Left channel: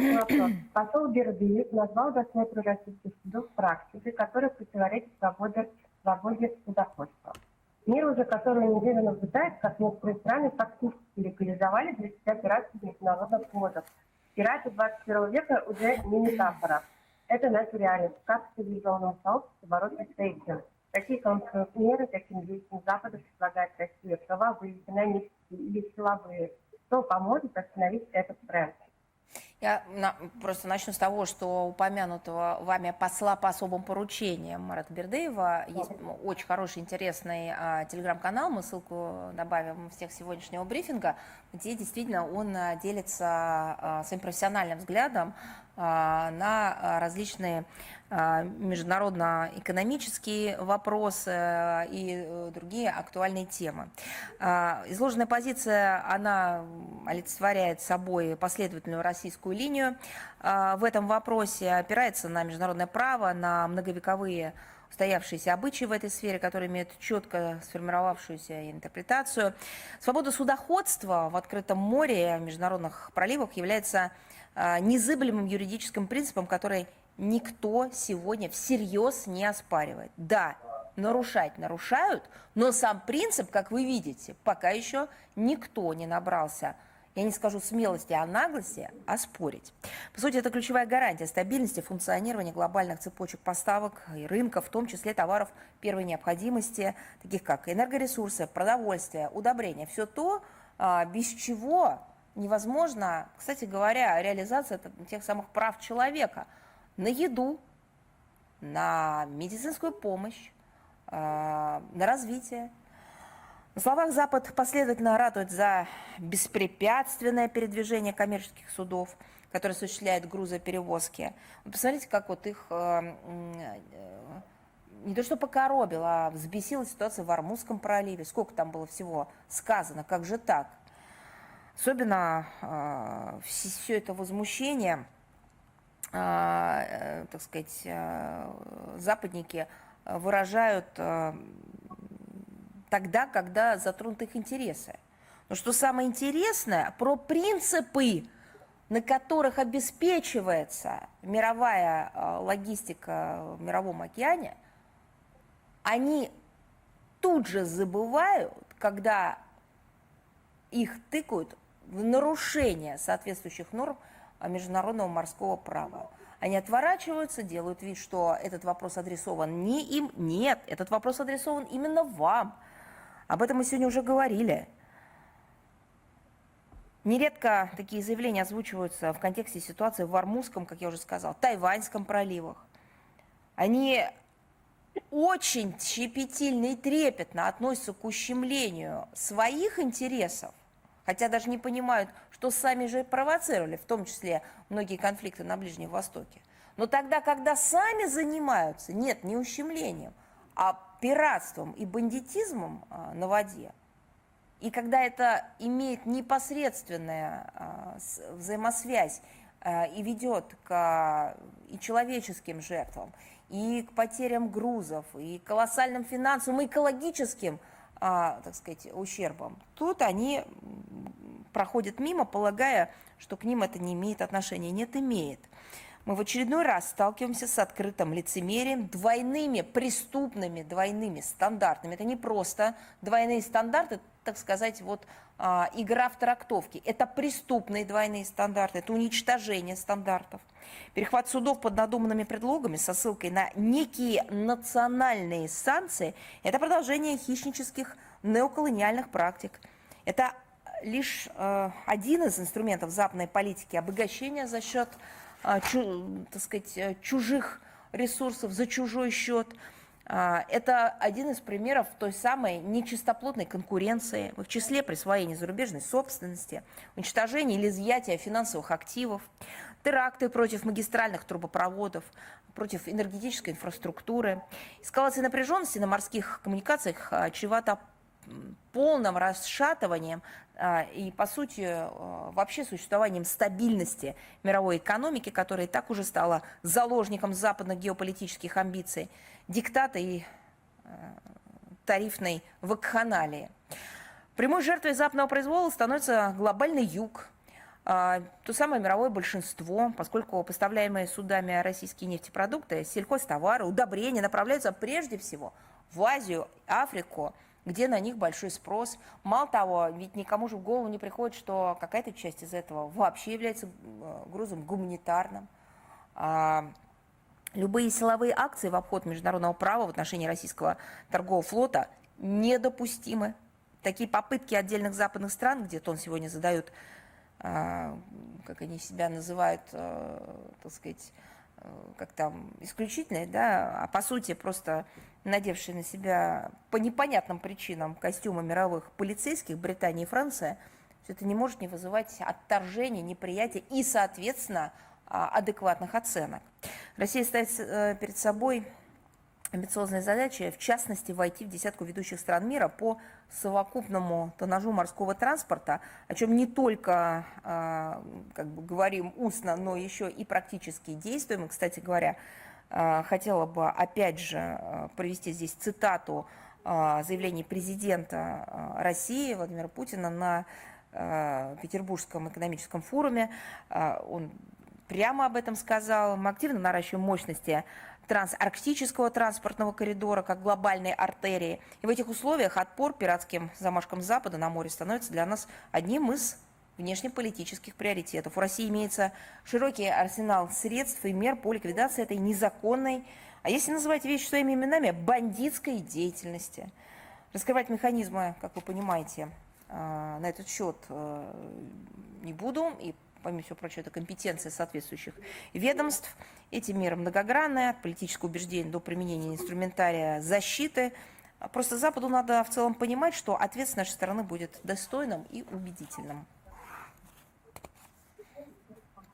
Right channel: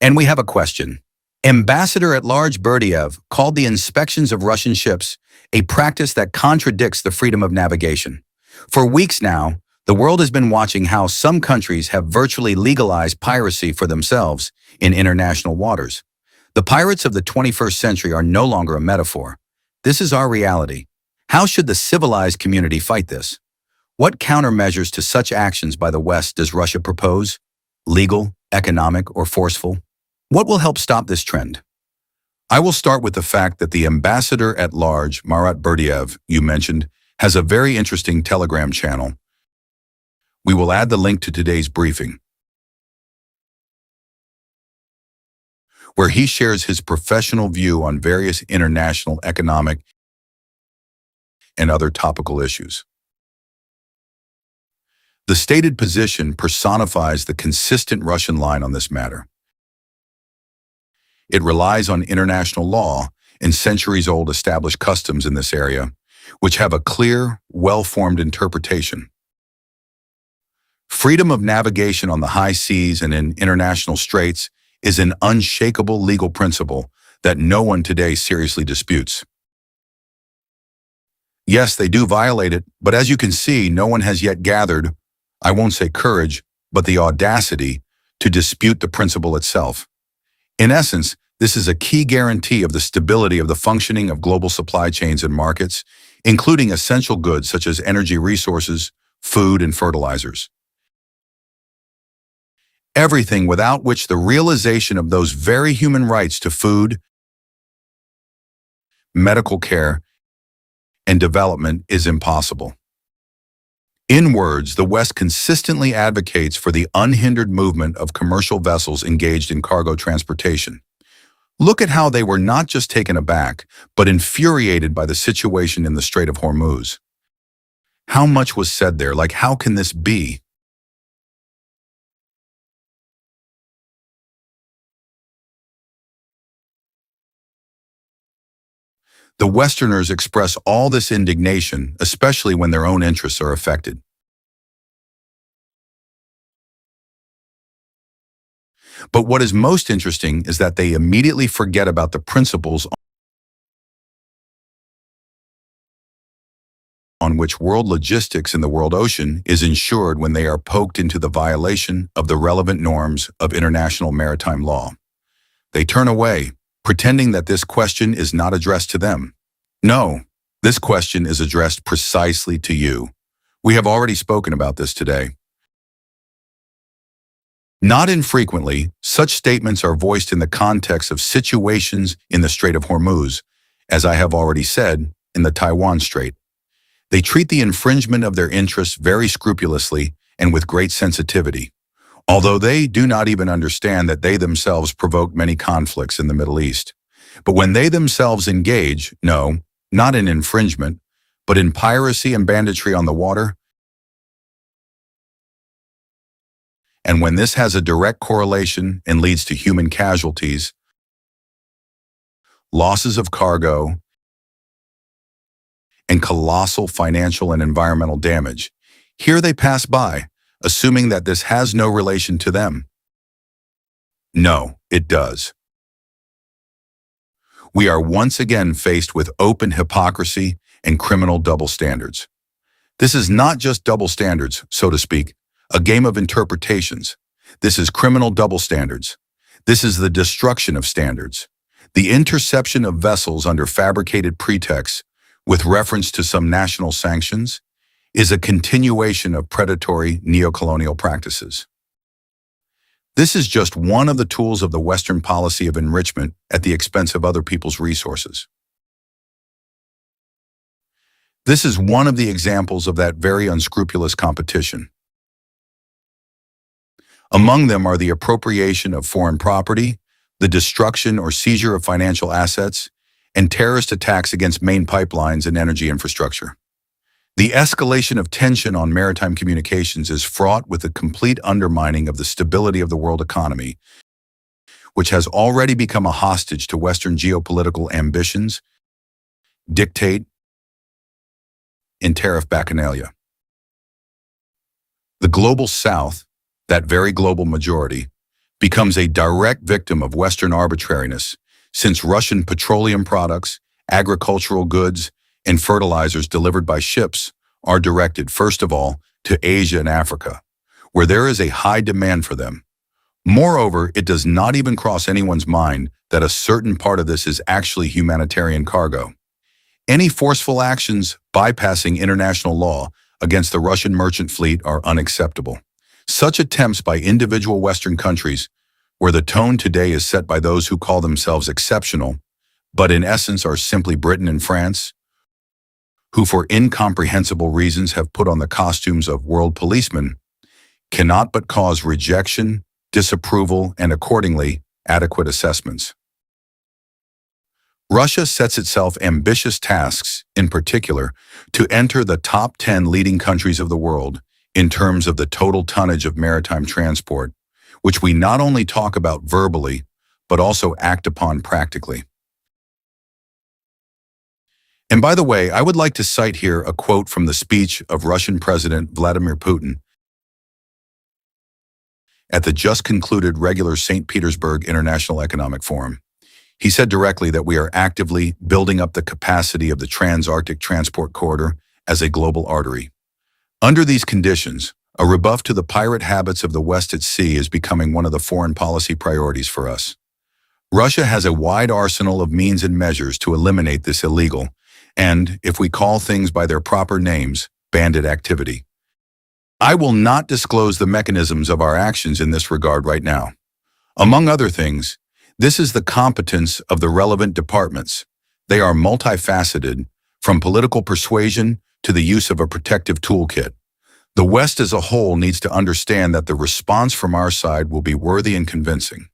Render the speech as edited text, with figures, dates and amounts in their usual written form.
And we have a question. Ambassador-at-Large Berdiev called the inspections of Russian ships a practice that contradicts the freedom of navigation. For weeks now, the world has been watching how some countries have virtually legalized piracy for themselves in international waters. The pirates of the 21st century are no longer a metaphor. This is our reality. How should the civilized community fight this? What countermeasures to such actions by the West does Russia propose? Legal, economic, or forceful? What will help stop this trend? I will start with the fact that the ambassador-at-large, Marat Berdiev, you mentioned, has a very interesting Telegram channel. We will add the link to today's briefing, where he shares his professional view on various international economic and other topical issues. The stated position personifies the consistent Russian line on this matter. It relies on international law and centuries-old established customs in this area, which have a clear, well-formed interpretation. Freedom of navigation on the high seas and in international straits is an unshakable legal principle that no one today seriously disputes. Yes, they do violate it, but as you can see, no one has yet gathered, I won't say courage, but the audacity to dispute the principle itself. In essence, this is a key guarantee of the stability of the functioning of global supply chains and markets, including essential goods such as energy resources, food, and fertilizers. Everything without which the realization of those very human rights to food, medical care, and development is impossible. In words, the West consistently advocates for the unhindered movement of commercial vessels engaged in cargo transportation. Look at how they were not just taken aback, but infuriated by the situation in the Strait of Hormuz. How much was said there, like, how can this be? The Westerners express all this indignation, especially when their own interests are affected. But what is most interesting is that they immediately forget about the principles on which world logistics in the world ocean is ensured when they are poked into the violation of the relevant norms of international maritime law. They turn away, pretending that this question is not addressed to them. No, this question is addressed precisely to you. We have already spoken about this today. Not infrequently, such statements are voiced in the context of situations in the Strait of Hormuz, as I have already said, in the Taiwan Strait. They treat the infringement of their interests very scrupulously and with great sensitivity, although they do not even understand that they themselves provoked many conflicts in the Middle East. But when they themselves engage, no, not in infringement, but in piracy and banditry on the water, and when this has a direct correlation and leads to human casualties, losses of cargo, and colossal financial and environmental damage, here they pass by, assuming that this has no relation to them. No, it does. We are once again faced with open hypocrisy and criminal double standards. This is not just double standards, so to speak, a game of interpretations. This is criminal double standards. This is the destruction of standards. The interception of vessels under fabricated pretexts, with reference to some national sanctions, is a continuation of predatory neocolonial practices. This is just one of the tools of the Western policy of enrichment at the expense of other people's resources. This is one of the examples of that very unscrupulous competition. Among them are the appropriation of foreign property, the destruction or seizure of financial assets, and terrorist attacks against main pipelines and energy infrastructure. The escalation of tension on maritime communications is fraught with the complete undermining of the stability of the world economy, which has already become a hostage to Western geopolitical ambitions, dictate, and tariff bacchanalia. The global South, that very global majority, becomes a direct victim of Western arbitrariness, since Russian petroleum products, agricultural goods, and fertilizers delivered by ships are directed, first of all, to Asia and Africa, where there is a high demand for them. Moreover, it does not even cross anyone's mind that a certain part of this is actually humanitarian cargo. Any forceful actions bypassing international law against the Russian merchant fleet are unacceptable. Such attempts by individual Western countries, where the tone today is set by those who call themselves exceptional, but in essence are simply Britain and France, who for incomprehensible reasons have put on the costumes of world policemen, cannot but cause rejection, disapproval, and accordingly, adequate assessments. Russia sets itself ambitious tasks, in particular, to enter the top 10 leading countries of the world in terms of the total tonnage of maritime transport, which we not only talk about verbally, but also act upon practically. And by the way, I would like to cite here a quote from the speech of Russian President Vladimir Putin at the just concluded regular St. Petersburg International Economic Forum. He said directly that we are actively building up the capacity of the Trans-Arctic Transport Corridor as a global artery. Under these conditions, a rebuff to the pirate habits of the West at sea is becoming one of the foreign policy priorities for us. Russia has a wide arsenal of means and measures to eliminate this illegal and, if we call things by their proper names, bandit activity. I will not disclose the mechanisms of our actions in this regard right now. Among other things, this is the competence of the relevant departments. They are multifaceted, from political persuasion to the use of a protective toolkit. The West as a whole needs to understand that the response from our side will be worthy and convincing.